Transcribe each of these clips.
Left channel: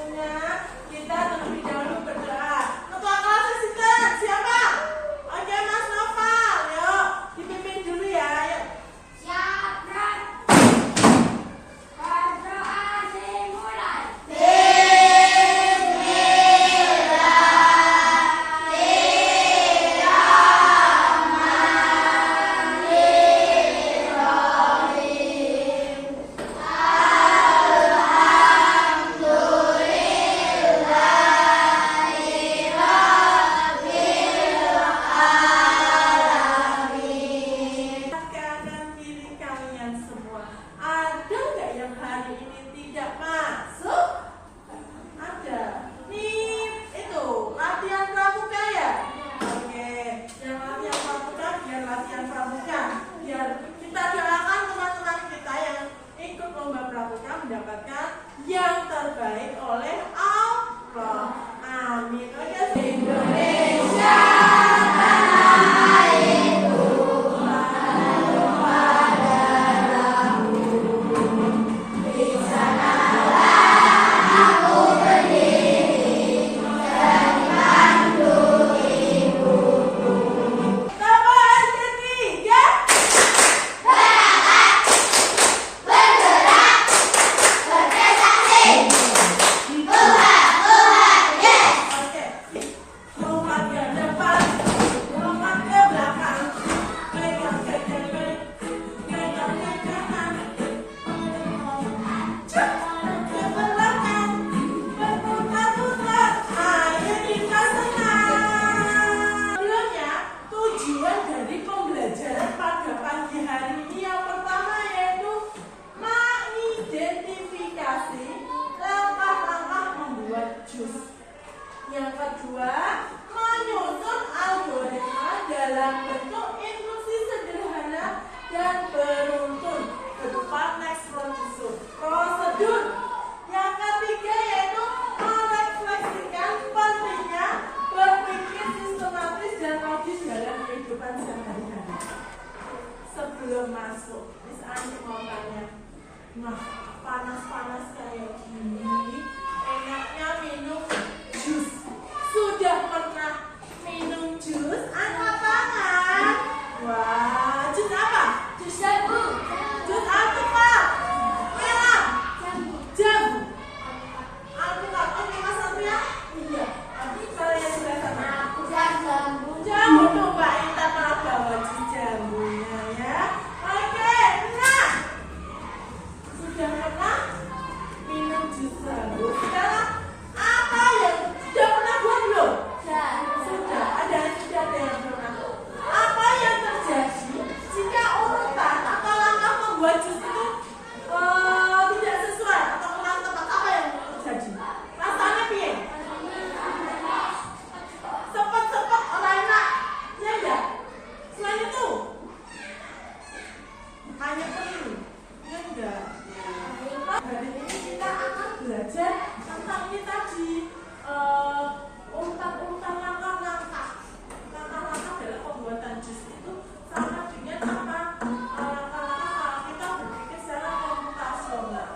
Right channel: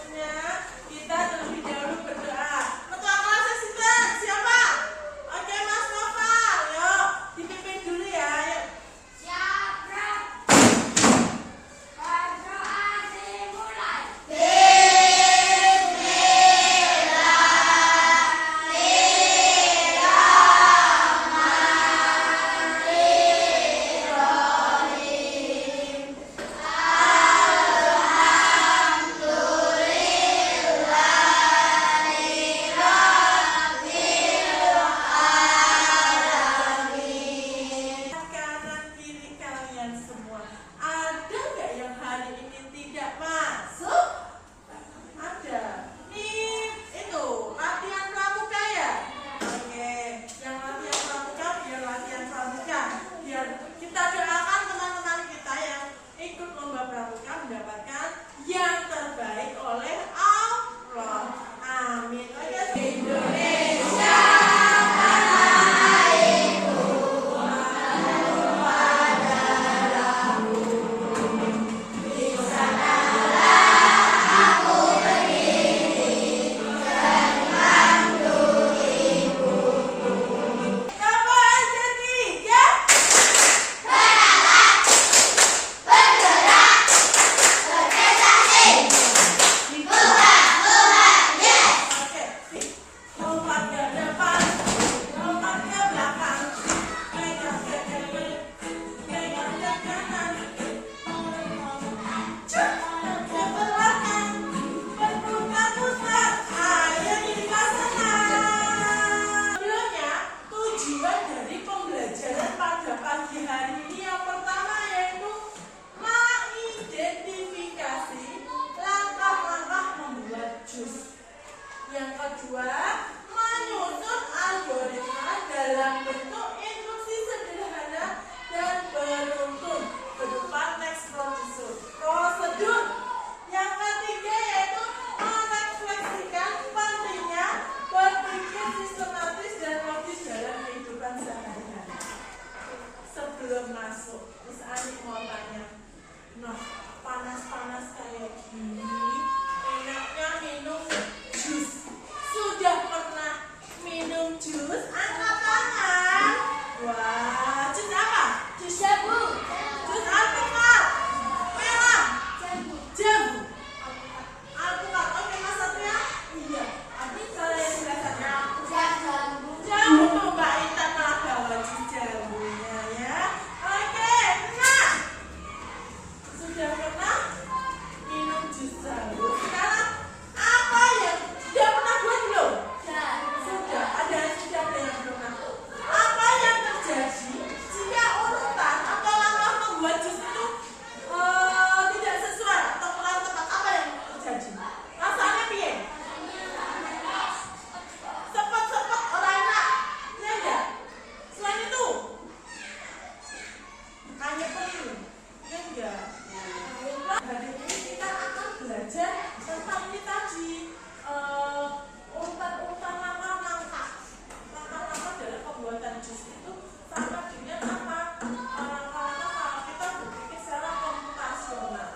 waktunya kita terlebih dahulu berdoa. Ketua kelas asisten siapa? Oke Mas Noval, yuk dipimpin dulu ya. Yuk. Siap, Bro. Berdoa dimulai. Kanan kiri kalian semua. Ada nggak yang hari ini tidak masuk? Ada. Nih itu latihan pramuka ya. Oke, yang latihan pramuka biar latihan pramuka. Biar kita doakan teman-teman kita yang ikut lomba pramuka mendapatkan yang terbaik oleh Allah. Amin. Oke, Indonesia. Tambahan ketiga. Oke, lompat ke depan, lompat ke belakang, pegang ke kiri, pegang ke kanan, cepat ke belakang, berputar-putar, ayo kita senang. Sebelumnya, tujuan dari pembelajaran pada pagi hari ini yang pertama yaitu mengidentifikasi langkah-langkah membuat jus. Yang kedua, menyusun algoritma dalam bentuk instruksi sederhana dan beruntun berupa next prosedur. Yang ketiga yaitu merefleksikan pentingnya berpikir sistematis dan logis dalam kehidupan sehari-hari. Sebelum masuk, Miss Ani mau tanya, nah panas-panas kayak gini, enaknya minum jus. Sudah pernah minum jus? Angkat tangan. Wah, jus apa? Jus jambu. Jus alpukat. Merah. Jambu. Alpukat. Oke, Mas Satria? Iya. Nanti kalau yang sudah sana. Jambu tuh Mbak Intan malah bawa jus jambunya ya. Oke, nah. Sudah pernah minum jus jambu? Sekarang apa yang sudah pernah buat belum? Sudah, ada yang sudah ada yang pernah. Apa yang terjadi jika urutan atau langkah membuat jus itu tidak sesuai atau kurang tepat? Apa yang terjadi? Rasanya piye? Sepet-sepet orang enak, iya enggak? Selain itu, hanya perlu, iya enggak? Nah, hari ini kita akan belajar tentang ini tadi urutan-urutan langkah-langkah dalam pembuatan jus itu sama dengan apa? Langkah-langkah kita berpikir secara komputasional.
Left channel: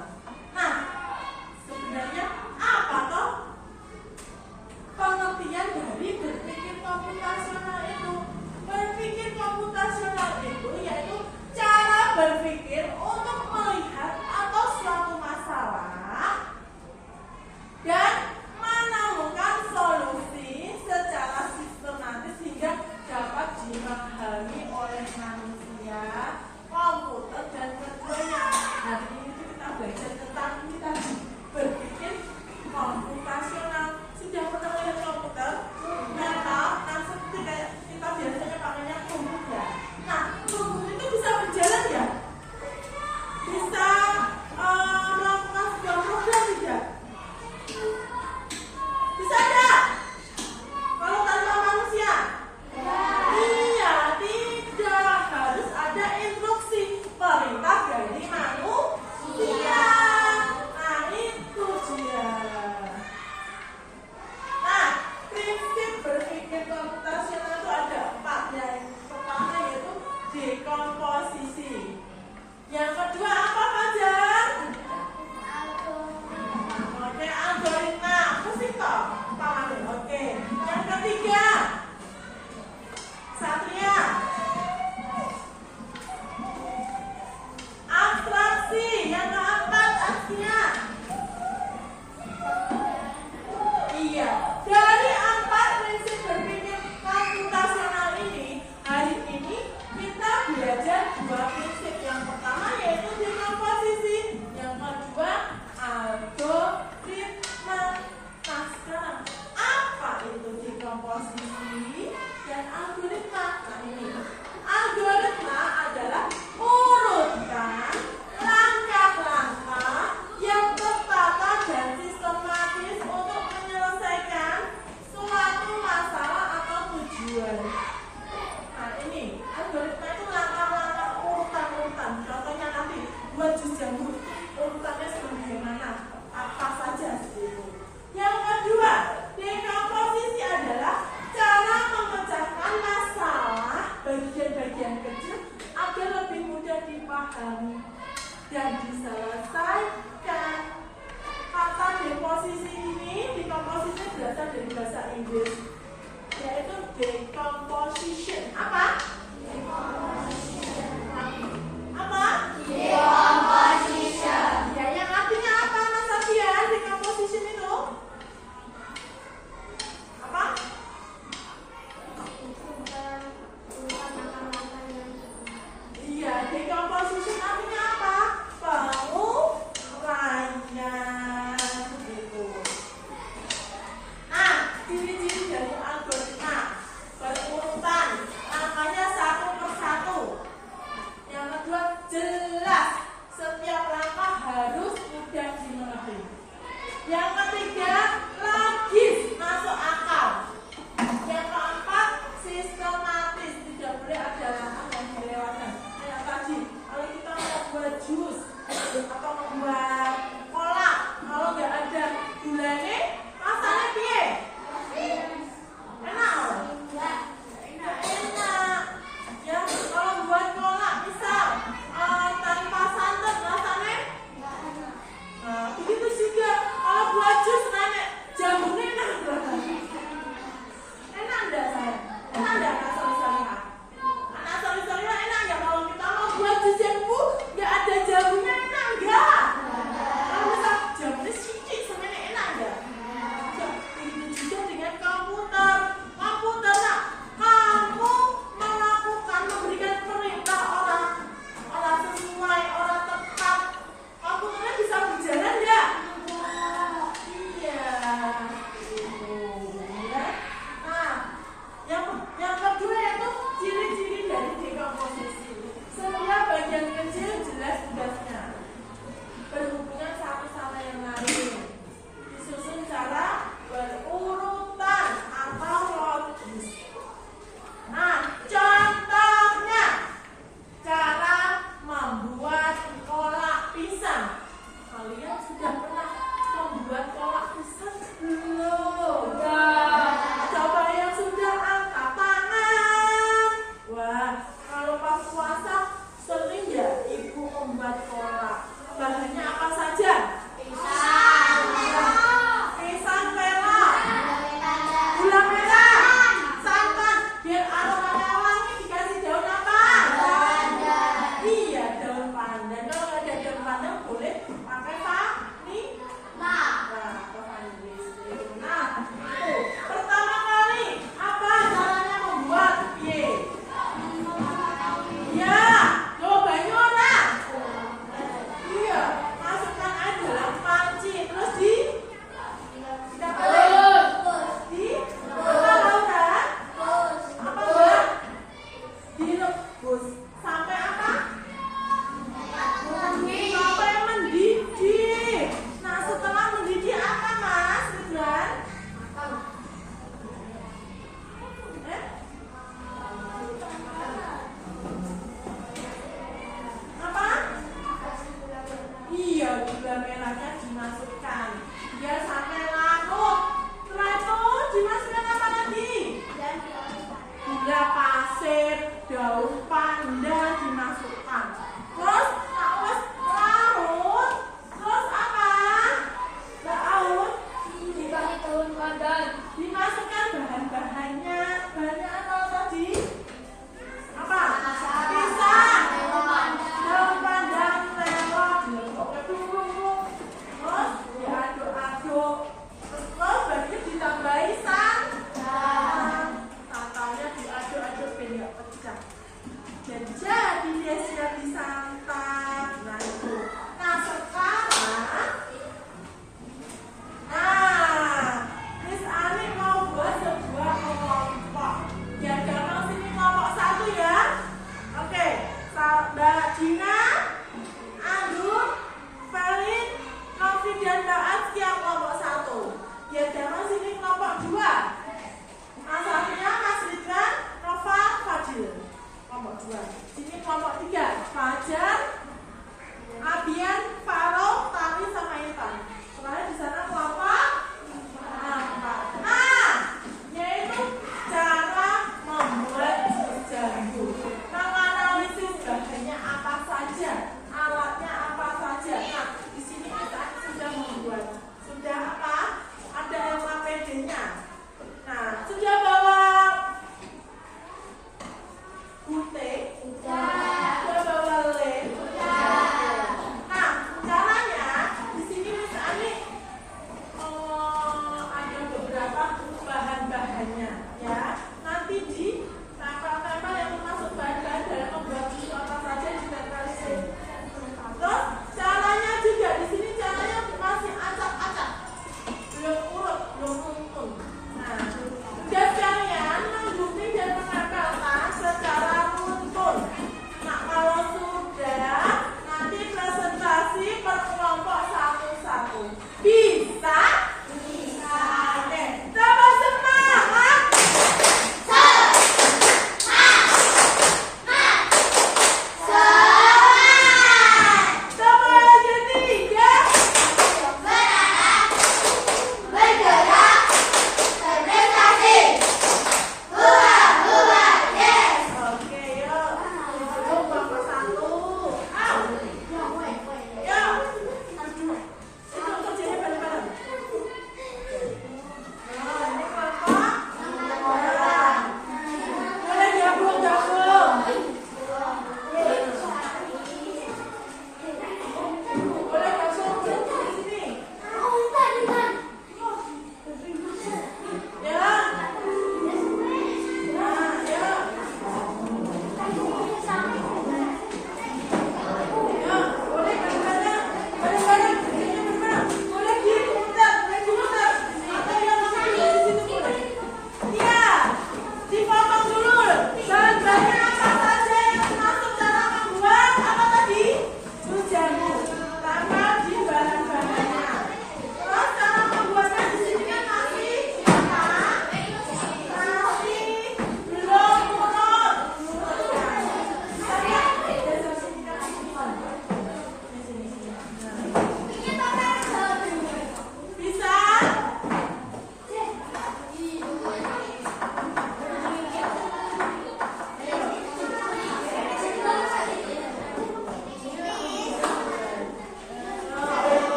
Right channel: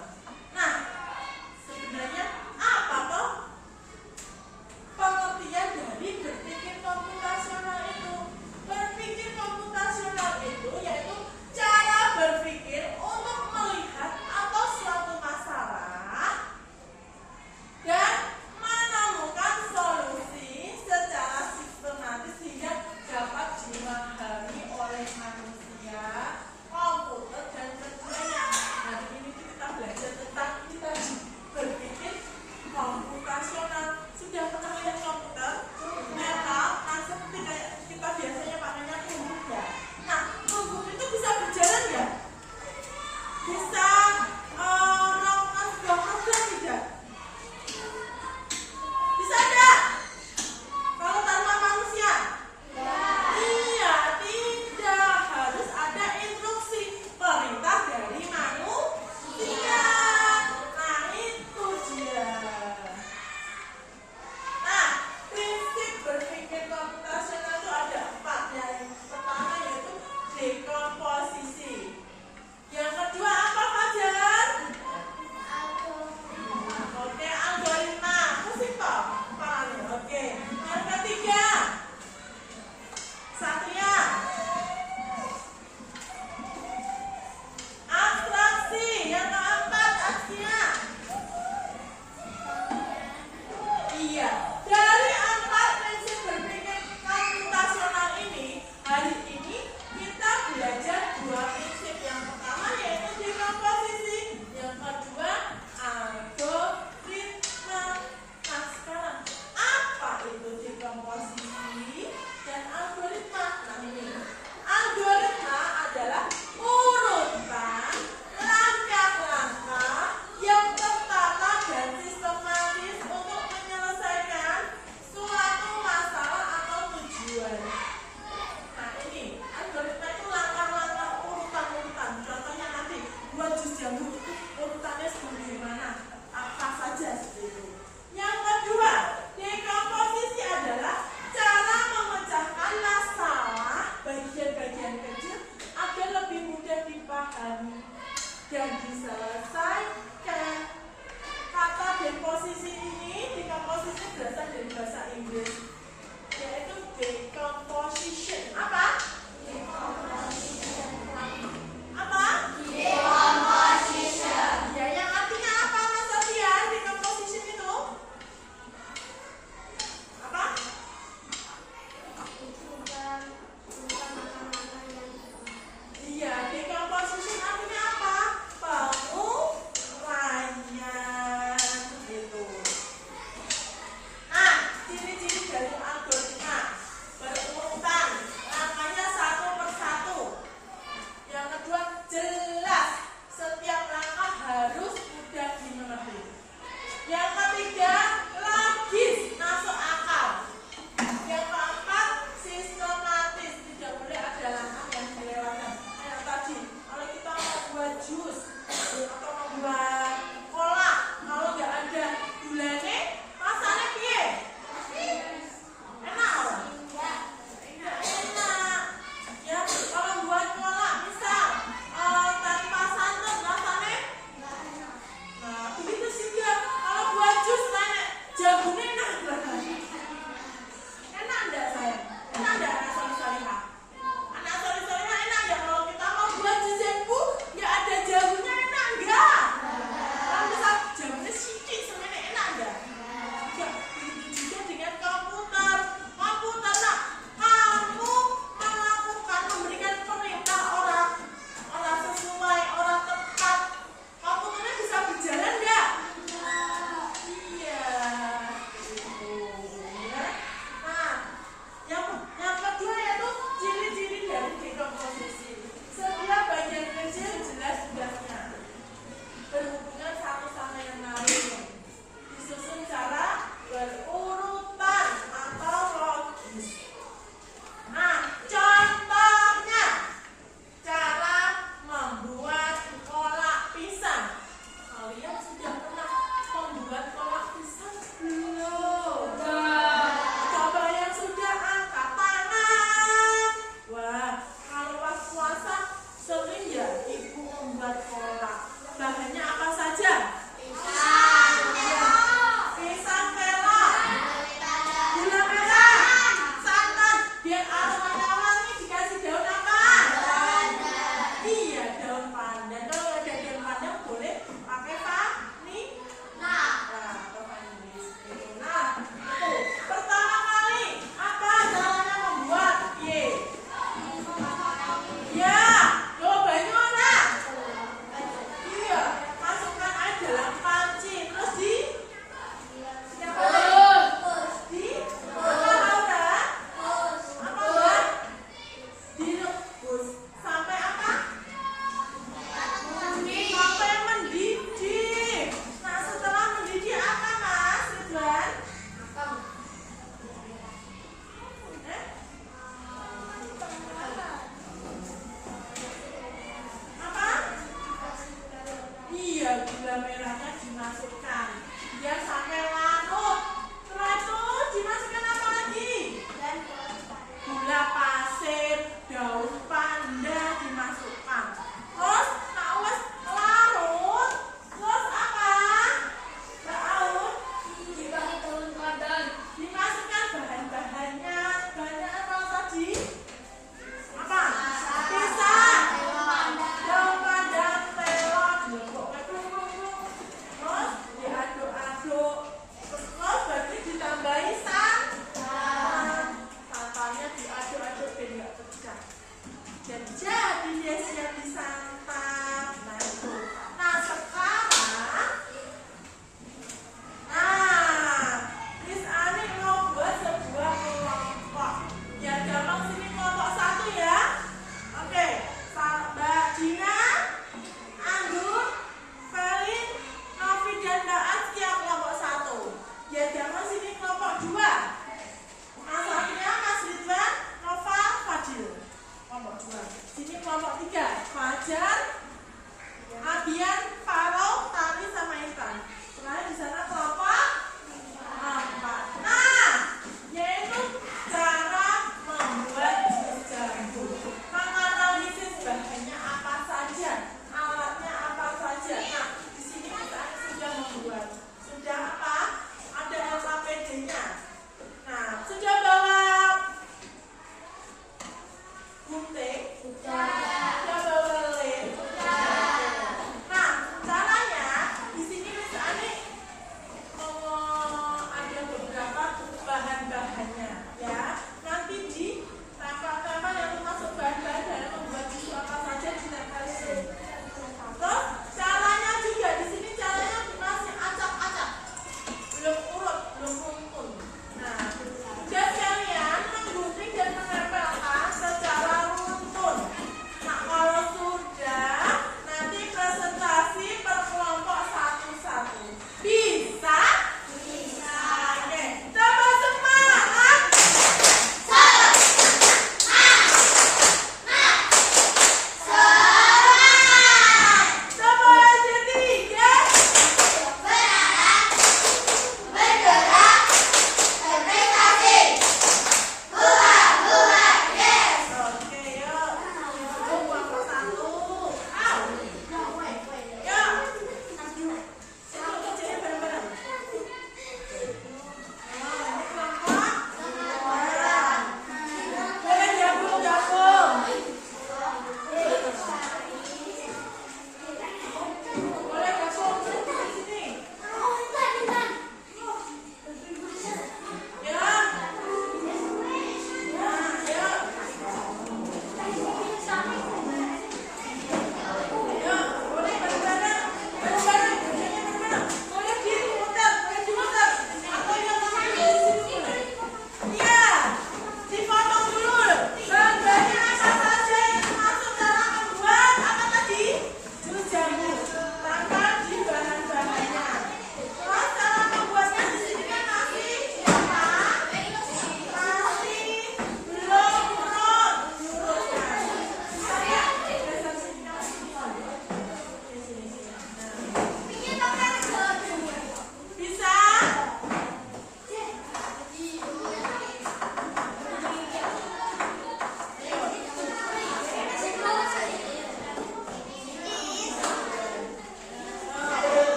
Nah, sebenarnya apa toh pengertian dari berpikir komputasional itu? Berpikir komputasional itu yaitu cara berpikir untuk melihat atau suatu masalah dan menemukan solusi bahasa Inggris, yaitu decomposition. Apa? Apa? Ya, yang artinya apa Mas Afian? Decomposition itu apa? Iya, decomposition artinya apa? Penguraian gitu. Nah, ciri-ciri dari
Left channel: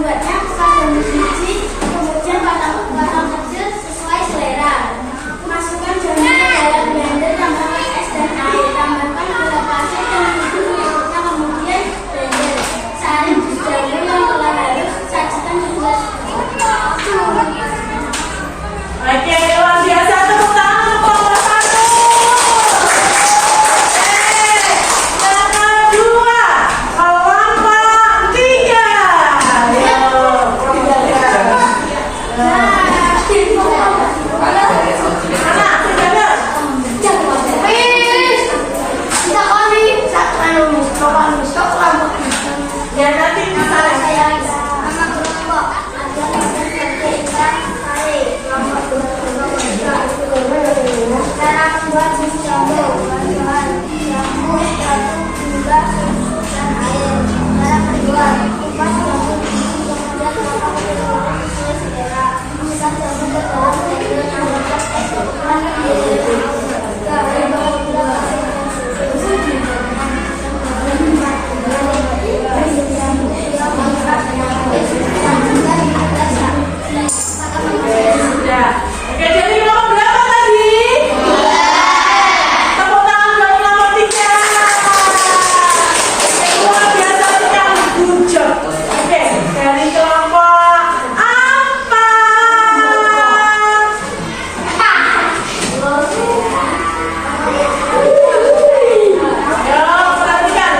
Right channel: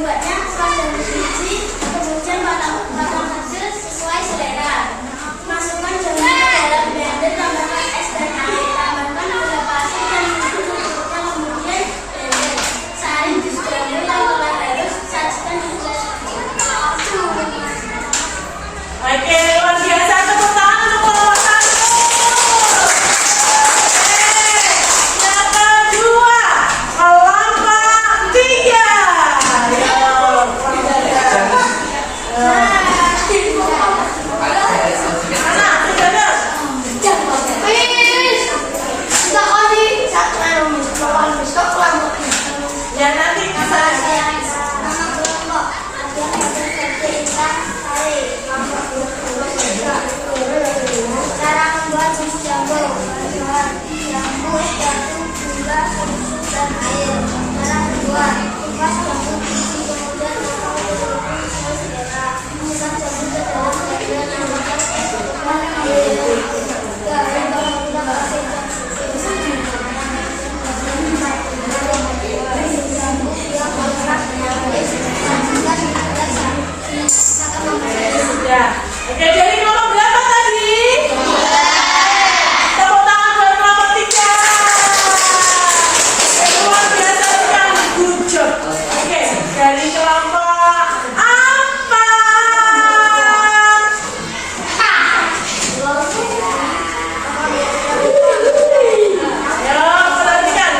membuatnya khas dan bergizi, kemudian potong kecil sesuai selera. Masukkan jamur ke dalam blender, tambahkan es dan air, tambahkan gula pasir dan bumbu berikutnya, kemudian blender. Saring jus jamur yang telah halus, sajikan di gelas. Oke, luar biasa. Tepuk tangan untuk nomor 1. Yang kedua, kelompok 3. Ya, ya nanti bisa. Cara membuat jus jamur, bahan-bahan jamur, batu, gula, susu, dan air. Cara membuat: kupas jamur, kemudian potong sesuai selera. Masukkan jamur ke dalam blender, tambahkan es dan air. Garam, bawang, gula pasir, dan susu. Jamur yang melekat dengan es, sajikan di gelas. Ya. Oke, jadi kelompok berapa tadi? Tepuk tangan buat kelompok 3. Luar biasa sekali, good job. Oke, dari kelompok 4. Ya, perhatikan.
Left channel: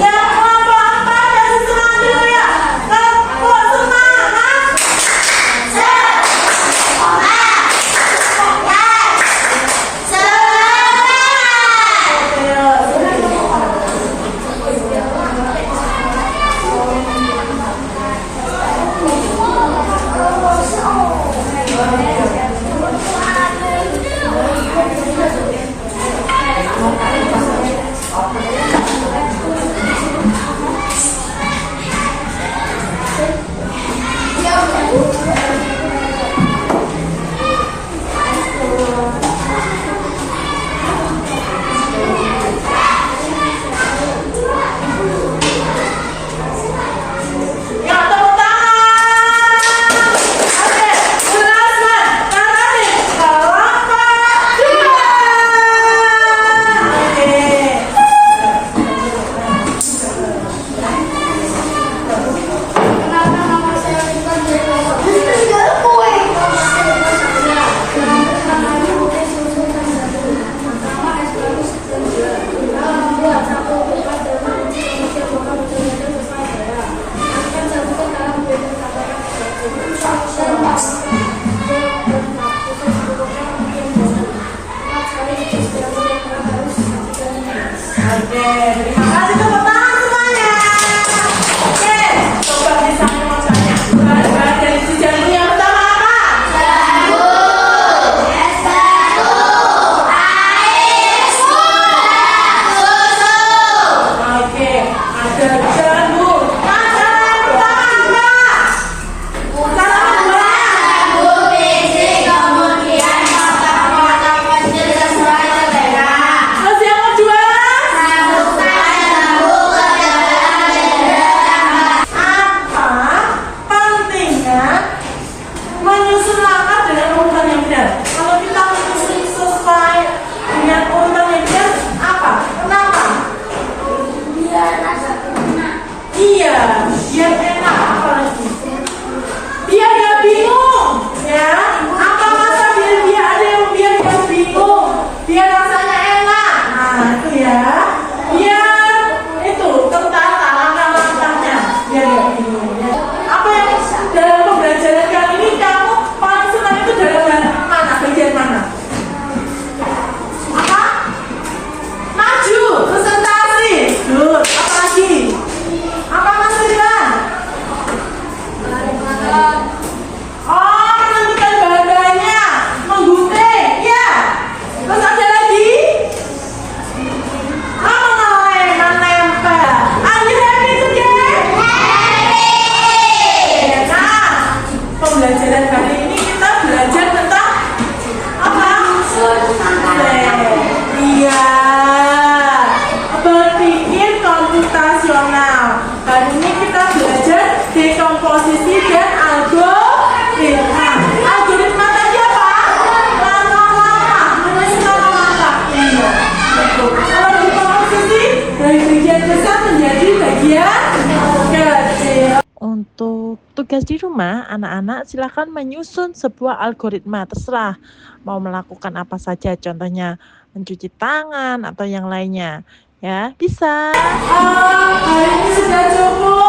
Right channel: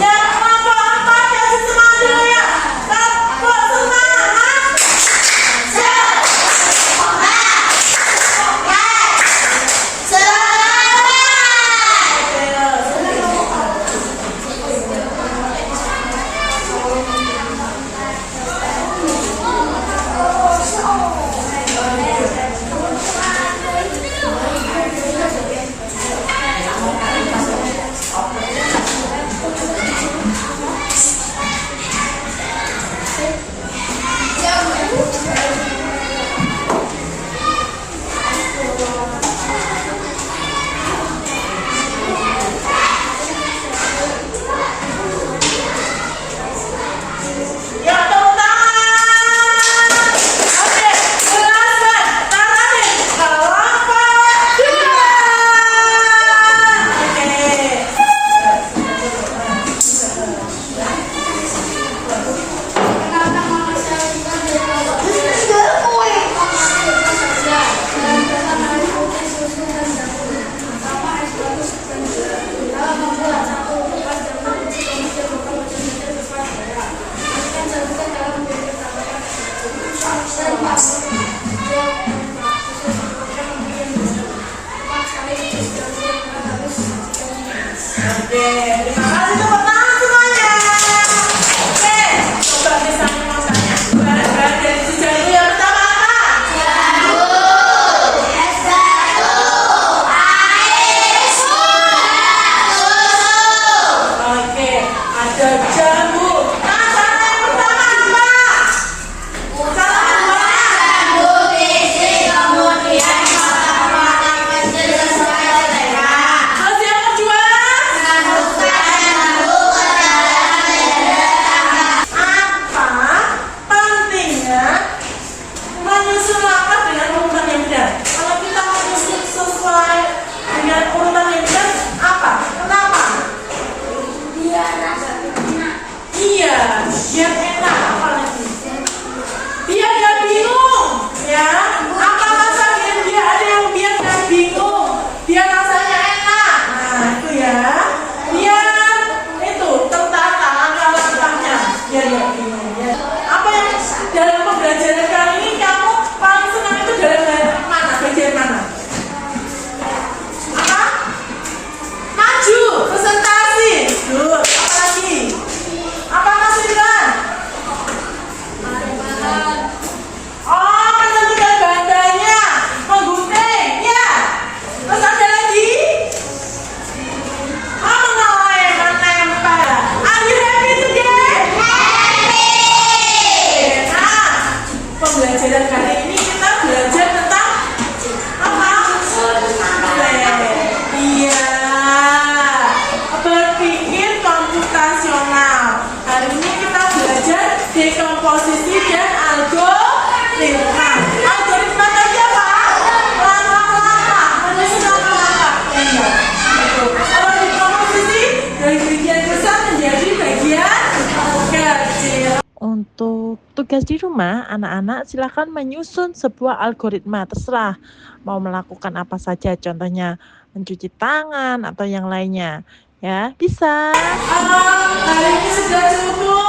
Yang kelompok 4 yang semangat ya. Tepuk semangat. Ya, tepuk tangan. Oke, last one. Terakhir, kelompok 2. Oke. Kenapa nama saya bukan dari kelompok? Dalam pertama putih susu dan jamur. Pertama es batu dan gula. Dalam membuat: 1. Kupas jamur, kemudian potong kecil-kecil sesuai selera. Masukkan jamur ke dalam blender, tambahkan es batu. Dan susu secukupnya, kemudian blender. 4. Saring jus jamur yang telah halus, sajikan di gelas. Oke, terima kasih, tepuk tangan semuanya. Oke, coba misalnya mau tanya. Bahan dari jus jamur yang pertama apa? Oke, ada jamur. Nah, cara yang pertama apa? Cara kedua. Terus yang kedua. Apa pentingnya menyusun langkah dengan urutan yang benar? Kalau kita menyusun sesuai dengan urutan yang benar, apa? Kenapa? Biar agak enak. Iya, biar enak. Apa lagi? Biar gak bingung, ya. Apa rasa dia ada yang biar gak bingung, biar rasanya enak. Nah itu ya. Biar itu tertata langkah-langkahnya, biar gak bingung. Ya. Apa yang dalam pembelajaran kali ini kamu paling senang itu dalam mana? Bagian mana? Apa? Maju, presentasi. Good. Apa lagi? Apa Mas Firman? Oh, menentukan bahan-bahannya, menggunting, ya. Terus ada lagi? Oh, mengelem, menempel. Are you happy today? Happy. Nah, pembelajaran kali ini kita belajar komposisi dan algoritma. Algoritma tadi apa? Langkah-langkah, menyusun langkah. Iya, betul. Kalau di komposisi dari bagian besar menjadi bagian kecil. Untuk tugas di rumah, anak-anak silakan menyusun sebuah algoritma, terserah mau melakukan apa saja, contohnya mencuci tangan atau yang lainnya. Ya, bisa. Hari ini sudah cukup.